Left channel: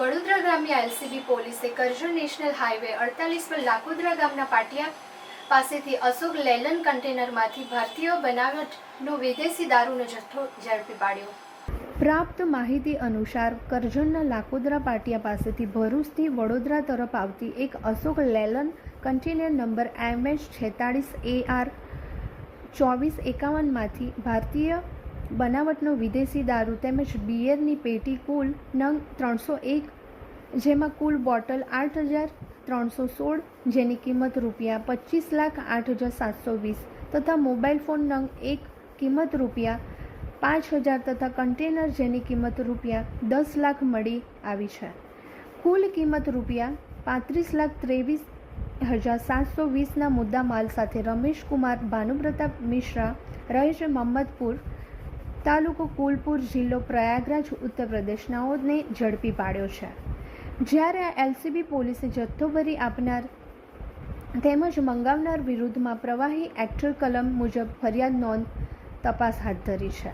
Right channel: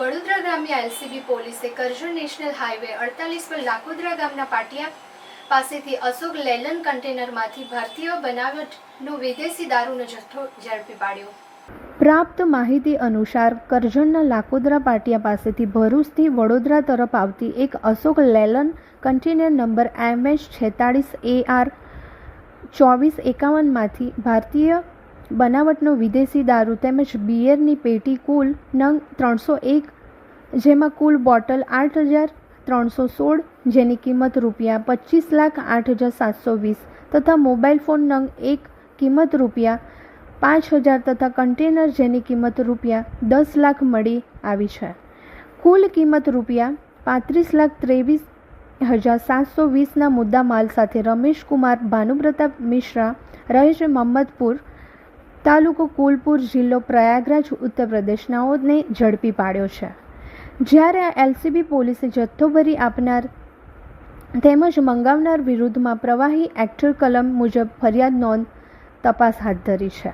વડોદરા ગ્રામ્ય એલસીબી પોલીસે Karjan national highway 48 પર લાકોદરા ગામના પાટિયા પાસેથી અશોક લેલન કન્ટેનરમાંથી ભારતીય બનાવટનો વિદેશી દારૂનો જથ્થો ઝડપી પાડ્યો। પ્રાપ્ત માહિતી અનુસાર કરજણના લાકોદરા પાટિયા પાસેથી ભરૂચથી વડોદરા તરફ આવતી એક અશોક લેલન કન્ટેનર નંબર MH46AR 2451માંથી ભારતીય બનાવટનો વિદેશી દારૂ તેમજ બિયરની પેટી કુલ નંગ 301, જેમાં કુલ બોટલ 8,316, જેની કિંમત રૂપિયા 25,08,720 તથા મોબાઈલ ફોન નંગ 1 કિંમત રૂપિયા 5,000 તથા કન્ટેનર જેની કિંમત રૂપિયા 10 લાખ મળી આવી છે। કુલ કિંમત રૂપિયા 35,23,720ના મુદ્દા માલ સાથે રમેશ કુમાર ભાનુપ્રતાપ મિશ્રા રહે છે મહમ્મદપુર, તાલુકો કુલપુર, જિલ્લો પ્રયાગરાજ, ઉત્તર પ્રદેશનાઓને ઝડપી પાડ્યો છે। જ્યારે આ એલસીબી પોલીસે જથ્થો ભરી આપનાર તેમજ મંગાવનાર વિરુદ્ધમાં પ્રવાહી એક્ટ કલમ મુજબ ફરિયાદ નોંધ તપાસ હાથ ધરી છે।